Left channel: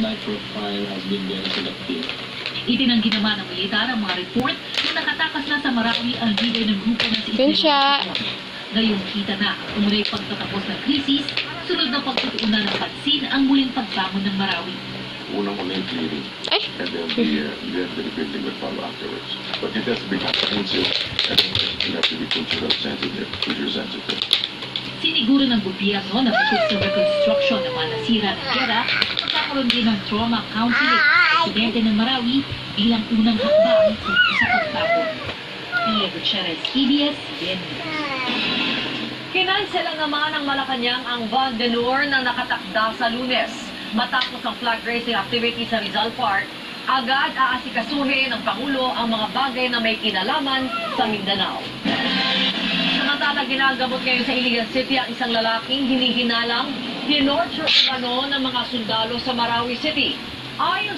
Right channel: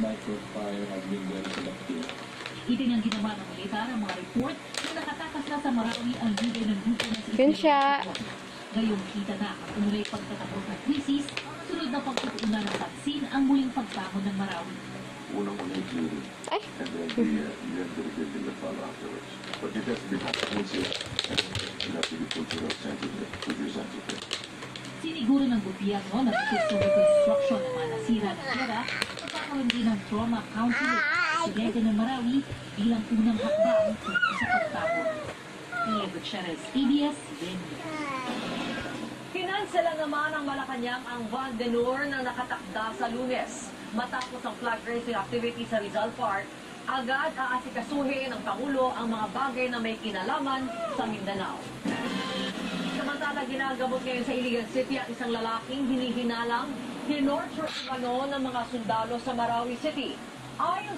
nitro fire has been very selective. Itinanggi naman ng militar ang mga report na nakatakas na sa Marawi ang leader ng grupo na si Pinsya. Ngayong kita na ang umunay pagtatapos ng krisis, sunod na pagtutuunan ng pansin ang muling pagbangon ng Marawi. Unang-una yung clearing. Ay! And then the rebuilding will follow afterwards. But it has to be comprehensive. And you have to be cultural sensitive, future sensitive. Siniguro ng gobyerno na bukod sa reconstruction ng mga nasira ng gera, magkakaroon din ng trauma counseling sa presidente ng Marawi bilang unang hakbang sa pagtapon. Pia Gutierrez, ABS-CBN News. Kinansela naman ng Malacanang ang Van de Noor na nakatakda sa Lunes. Matapos ang flag raising activity sa Rizal Park, agad aasikasuhin ng Pangulo ang mga bagay na may kinalaman sa Mindanao. Samantala, ginagamot ngayon sa Iligan City ang isang lalaking hinihinalang tinorture umano ng mga sundalo sa Marawi City. Ayon